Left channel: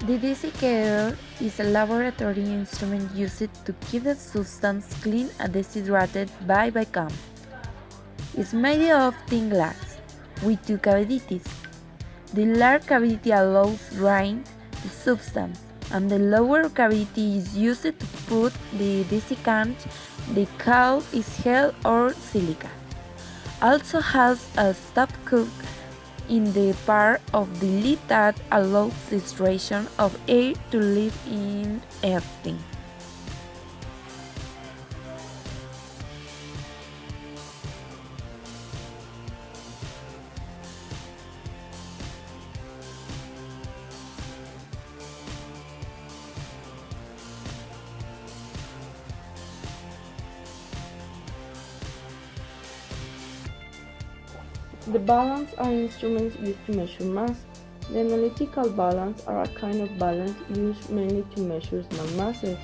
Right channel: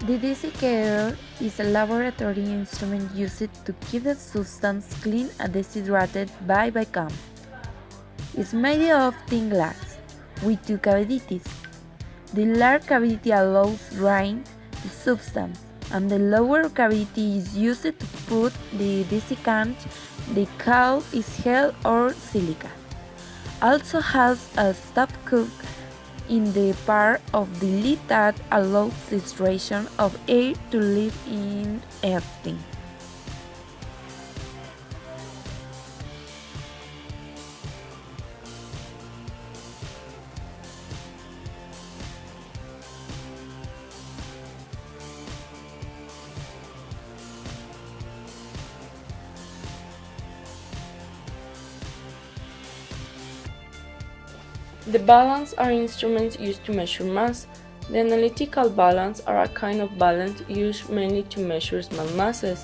The desiccator is a laboratory instrument used to keep the substance clean and dehydrated by vacuum. It's made of thin glass with two cavities. The large cavity allows drying the substance, and the lower cavity is used to put the desiccant. The cowl is gel or silica. Also has a stopcock in the part of the lid that allows the extraction of air to live in everything. The balance are instruments used to measure mass. The analytical balance are a kind of balance used mainly to measure small masses.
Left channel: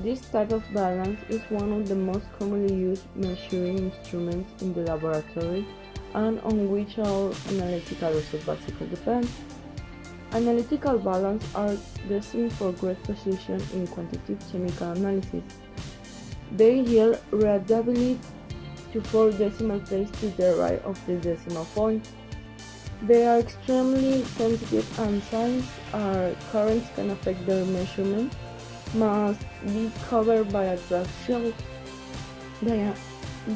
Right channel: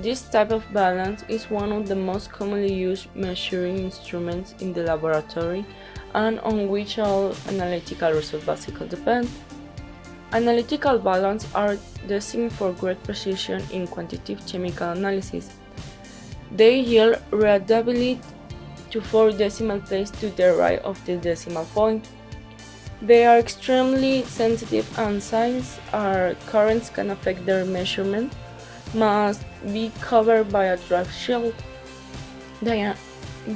This type of balance is one of the most commonly used measuring instruments in the laboratory and on which all analytical results basically depend. Analytical balance are destined for great precision in quantitative chemical analysis. They yield reliability to 4 decimal places to the right of the decimal point. They are extremely sensitive and since our currents can affect their measurement, must be covered by a draft shield. The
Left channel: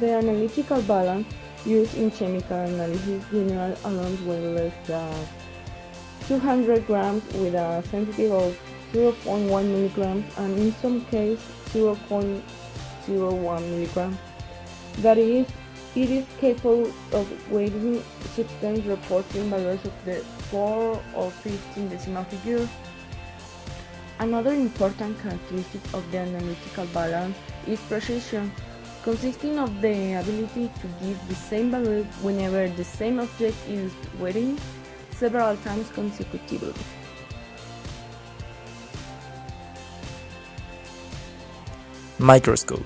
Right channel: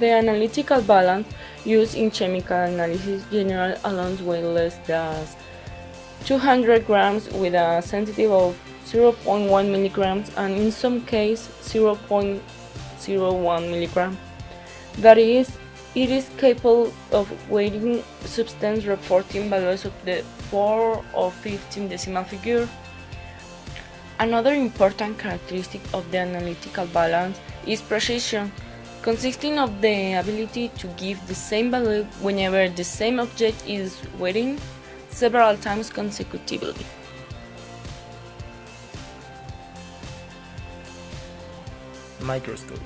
analytical balance used in chemical analysis generally allows way less than 200 grams with a sensitivity of 0.1 milligrams and in some cases 0.01 milligram. That is, it is capable of weighing substance reporting values of the 4 or 15 decimal figure. Another important characteristic of the analytical balance is precision, consisting of the ability to give the same value whenever the same object is weighed several times consecutively. Microscope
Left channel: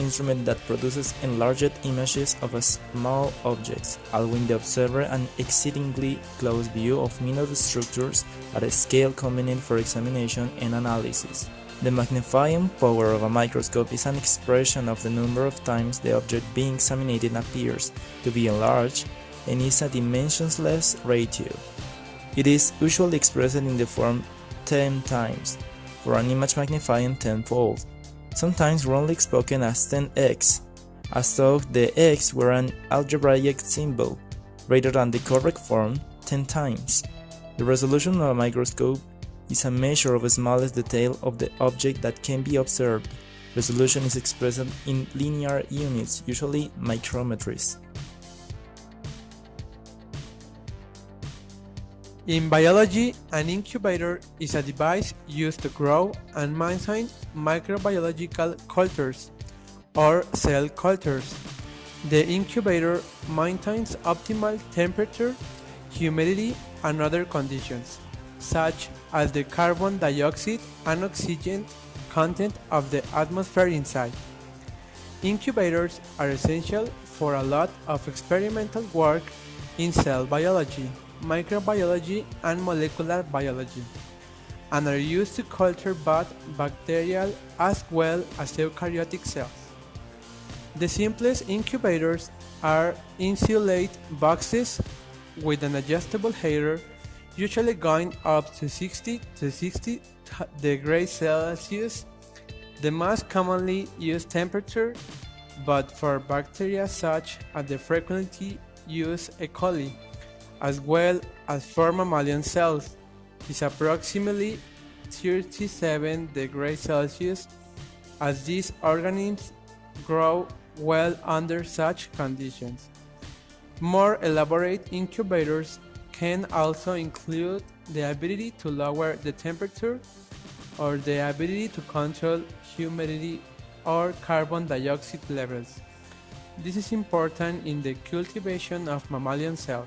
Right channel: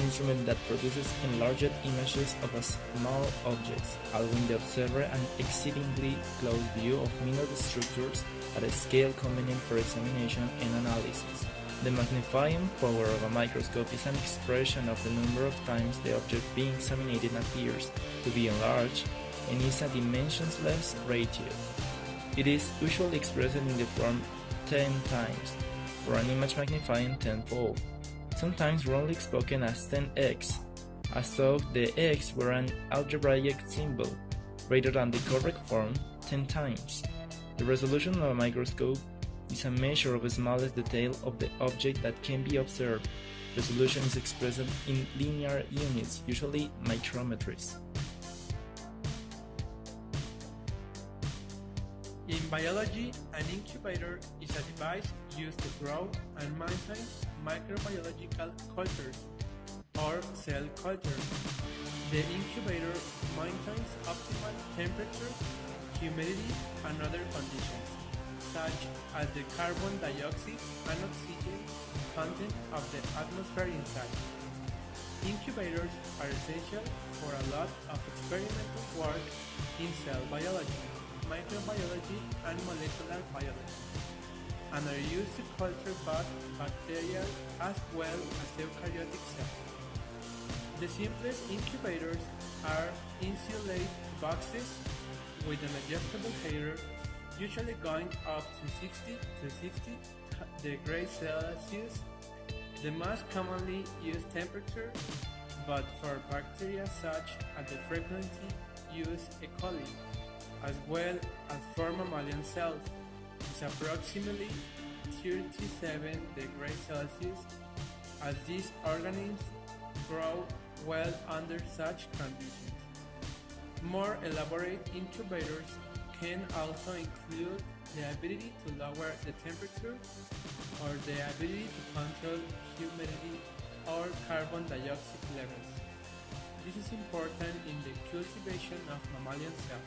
instrument that produces enlarged images of a small objects, allowing the observer an exceedingly close view of minute structures at a scale convenient for examination and analysis. The magnifying power of a microscope is an expression of the number of times the object being examined appears to be enlarged and is a dimensionless ratio. It is usually expressed in the form 10 times, for an image magnifying tenfold, sometimes wrongly spoken as 10x, as though the x were an algebraic symbol, rather than the correct form 10 times. The resolution of a microscope is a measure of the smallest detail of the object that can be observed. Resolution is expressed in linear units, usually micrometers. In biology, an incubator is a device used to grow and maintain microbiological cultures or cell cultures. The incubator maintains optimal temperature, humidity, and other conditions, such as the carbon dioxide and oxygen content of the atmosphere inside. Incubators are essential for a lot of experimental work in cell biology, microbiology, and molecular biology, and are used to culture both bacterial as well as eukaryotic cells. The simplest incubators are insulate boxes with an adjustable heater, usually going up to 60 degrees Celsius, the most commonly used temperature, but for bacteria such as the frequently used E. coli, as well as for mammalian cells, is approximately 37 degrees Celsius, as these organisms grow well under such conditions. More elaborate incubators can also include the ability to lower the temperature or the ability to control humidity or carbon dioxide levels. This is important in the cultivation of mammalian cells.